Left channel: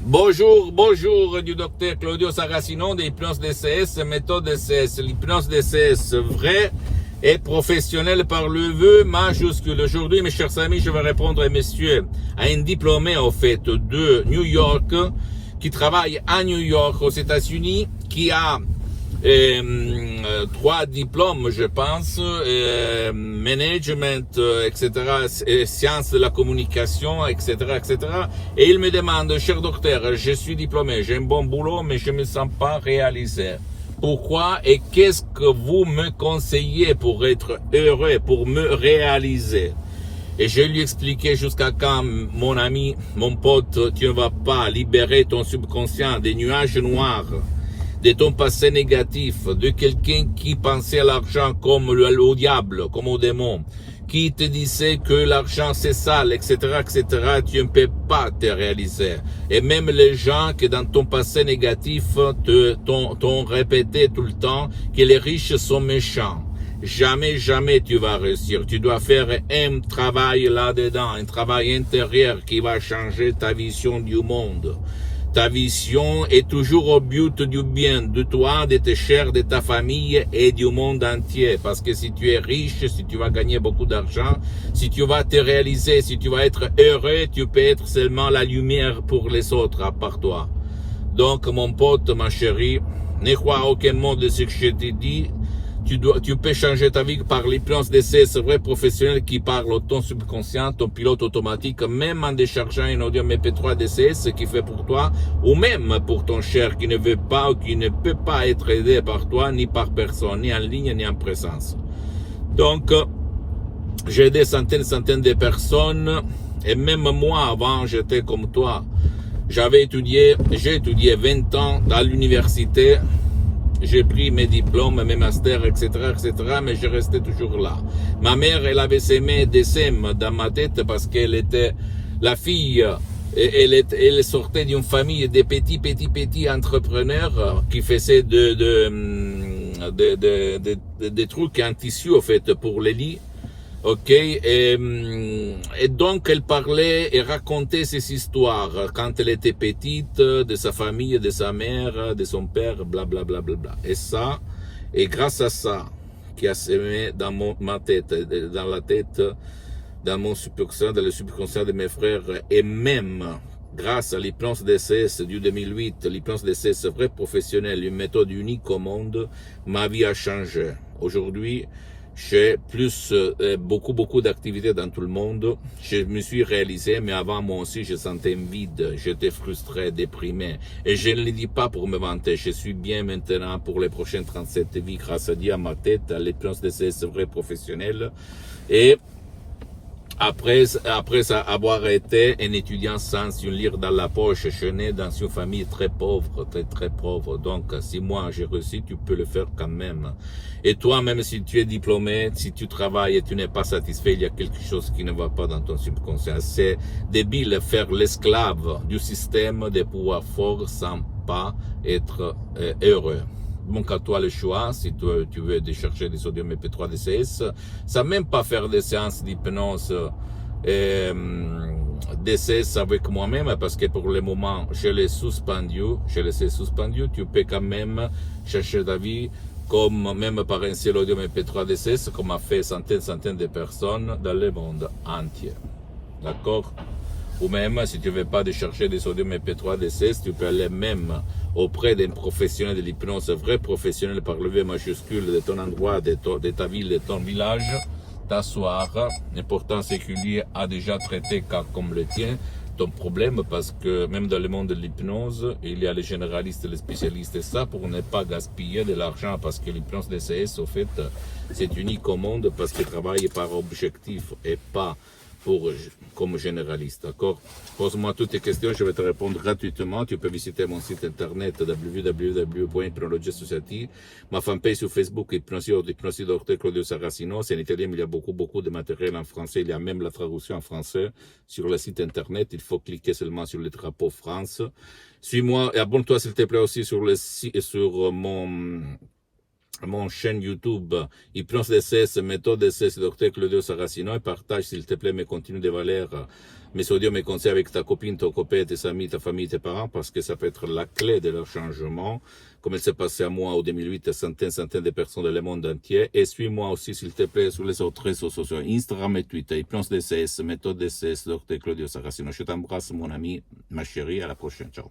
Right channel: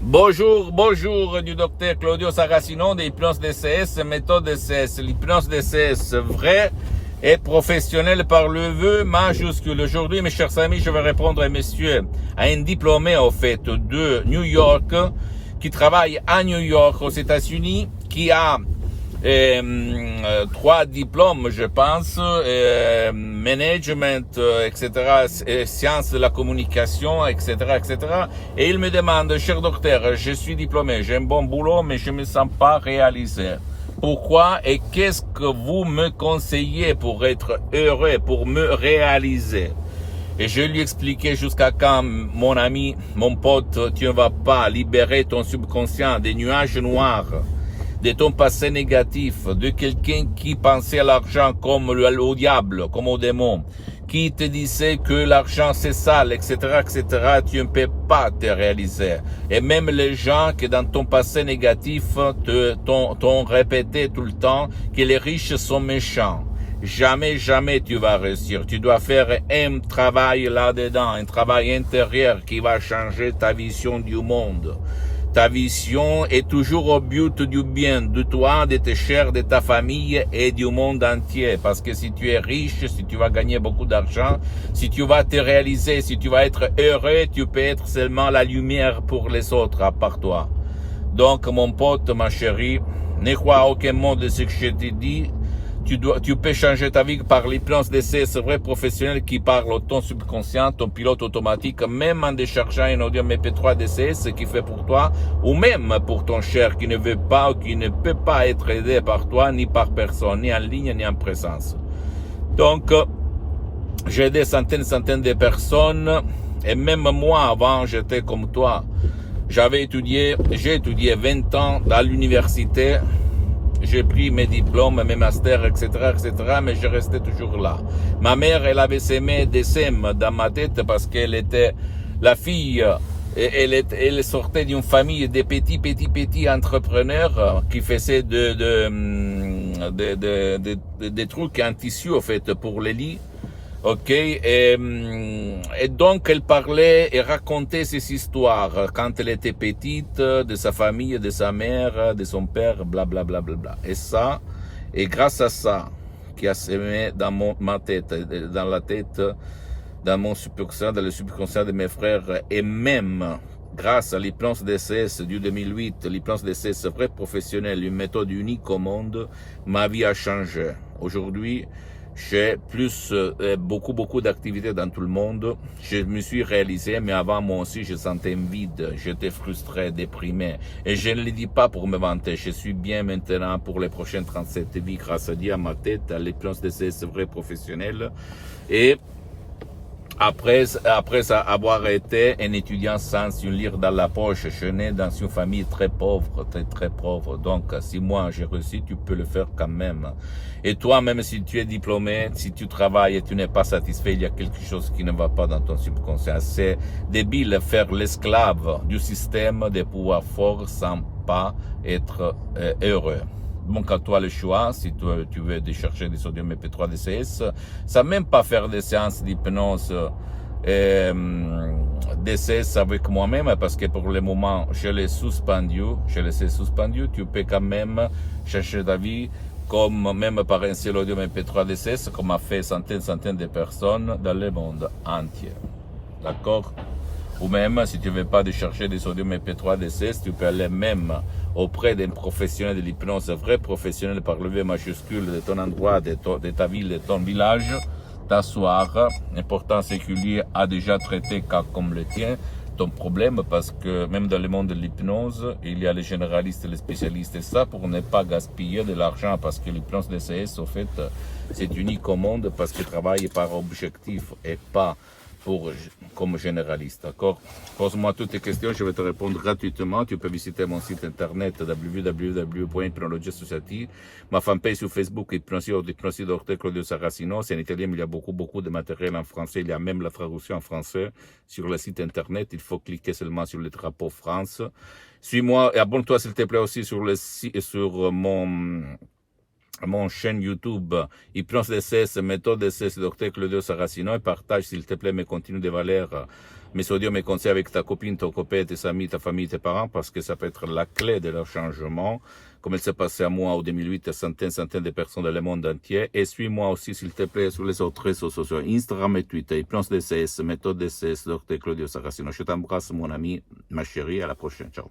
Bonjour du docteur Claudio Saracino de l'hypnose DCS, méthode DCS. L'hypnose DCS vraie et professionnelle par le vœu majuscule. Aujourd'hui, mes chers amis, je vais répondre à monsieur, à un diplômé, au fait, de New York, qui travaille à New York, aux États-Unis, qui a 3 diplômes, je pense, management, etc., sciences de la communication, etc., etc. Et il me demande, cher docteur, je suis diplômé, j'ai un bon boulot, mais je me sens pas réalisé. Pourquoi et qu'est-ce que vous me conseillez pour être heureux, pour me réaliser? Et je lui expliquais jusqu'à quand, mon ami, mon pote, tu ne vas pas libérer ton subconscient des nuages noirs, de ton passé négatif, de quelqu'un qui pensait à l'argent comme au diable, comme au démon, qui te disait que l'argent c'est sale, etc., etc., tu ne peux pas te réaliser. Et même les gens qui dans ton passé négatif t'ont répété tout le temps que les riches sont méchants. Jamais tu vas réussir. Tu dois faire un travail là-dedans, un travail intérieur qui va changer ta vision du monde. Ta vision est toujours au but du bien, de toi, de tes chers, de ta famille et du monde entier. Parce que si tu es riche, si tu vas gagner beaucoup d'argent, si tu vas te réaliser, si tu vas être heureux, tu peux être seulement la lumière pour les autres, à part toi. Donc, mon pote, ma chérie, ne crois à aucun mot de ce que je te dis. Tu peux changer ta vie par l'hypnose DCS vrai professionnel qui parle au ton subconscient, ton pilote automatique, même en déchargeant un audio MP3 DCS qui fait pour toi, ou même pour ton cher qui ne veut pas ou qui ne peut pas être aidé par toi, ni par personne, ni en ligne, ni en présence. Donc, j'ai aidé centaines de personnes, et même moi, avant, j'étais comme toi. J'ai étudié 20 ans dans l'université. J'ai pris mes diplômes, mes masters, etc., mais je restais toujours là. Ma mère, elle avait semé des sèmes dans ma tête parce qu'elle était la fille, elle sortait d'une famille de petits entrepreneurs qui faisaient des trucs en tissu, en fait, pour les lits. Ok, et donc elle parlait et racontait ces histoires quand elle était petite, de sa famille, de sa mère, de son père, bla bla bla bla bla. Et ça, et grâce à ça, qui a semé dans ma tête, dans la tête, dans mon subconscient, dans le subconscient de mes frères, et même grâce à l'hypnose DCS du 2008, l'hypnose DCS vrai professionnel, une méthode unique au monde, ma vie a changé. Aujourd'hui, j'ai beaucoup d'activités dans tout le monde. Je me suis réalisé, mais avant moi aussi, je sentais un vide. J'étais frustré, déprimé. Et je ne le dis pas pour me vanter. Je suis bien maintenant pour les prochaines 37 vies grâce à Dieu, à ma tête, à l'hypnose DCS vrai professionnel. Et après avoir été un étudiant sans une lire dans la poche, je né dans une famille très pauvre, très pauvre. Donc, si moi j'ai réussi, tu peux le faire quand même. Et toi, même si tu es diplômé, si tu travailles et tu n'es pas satisfait, il y a quelque chose qui ne va pas dans ton subconscient. C'est débile faire l'esclave du système des pouvoirs forts sans pas être heureux. Donc à toi le choix, si tu veux décharger des sodium MP3 DCS, sans même pas faire des séances d'hypnose DCS avec moi-même, parce que pour le moment, je l'ai suspendu, tu peux quand même chercher ta vie, comme même par un seul audio MP3 DCS, comme a fait centaines de personnes dans le monde entier. D'accord? Ou même, si tu ne veux pas décharger des sodium MP3 DCS, tu peux aller même auprès d'un professionnel de l'hypnose, vrai professionnel par le V majuscule de ton endroit, de ta ville, de ton village, t'asseoir. L'important, c'est que lui a déjà traité cas comme le tien, ton problème, parce que même dans le monde de l'hypnose, il y a les généralistes et les spécialistes, et ça pour ne pas gaspiller de l'argent, parce que l'hypnose DCS, au fait, c'est unique au monde, parce qu'il travaille par objectif et pas comme généraliste, d'accord? Pose-moi toutes tes questions, je vais te répondre gratuitement. Tu peux visiter mon site internet www.hypnologiasociety, ma fanpage sur Facebook, Hypnosie Dr Claudio Saracino. C'est en italien, mais il y a beaucoup de matériel en français. Il y a même la traduction en français sur le site internet. Il faut cliquer seulement sur le drapeau France. Suis-moi et abonne-toi s'il te plaît aussi sur mon chaîne YouTube, Hypnose DCS, méthode DCS, Dr Claudio Saracino, et partage s'il te plaît mes contenus de valeur mais ça veut dire mes conseils avec ta copine, ton copain, tes amis, ta famille, tes parents, parce que ça peut être la clé de leur changement, comme il s'est passé à moi en 2008, à centaines de personnes dans le monde entier. Et suis-moi aussi, s'il te plaît, sur les autres réseaux sociaux, Instagram et Twitter, Hypnose DCS, Méthode DCS, Dr. Claudio Saracino. Je t'embrasse, mon ami, ma chérie, à la prochaine. Ciao.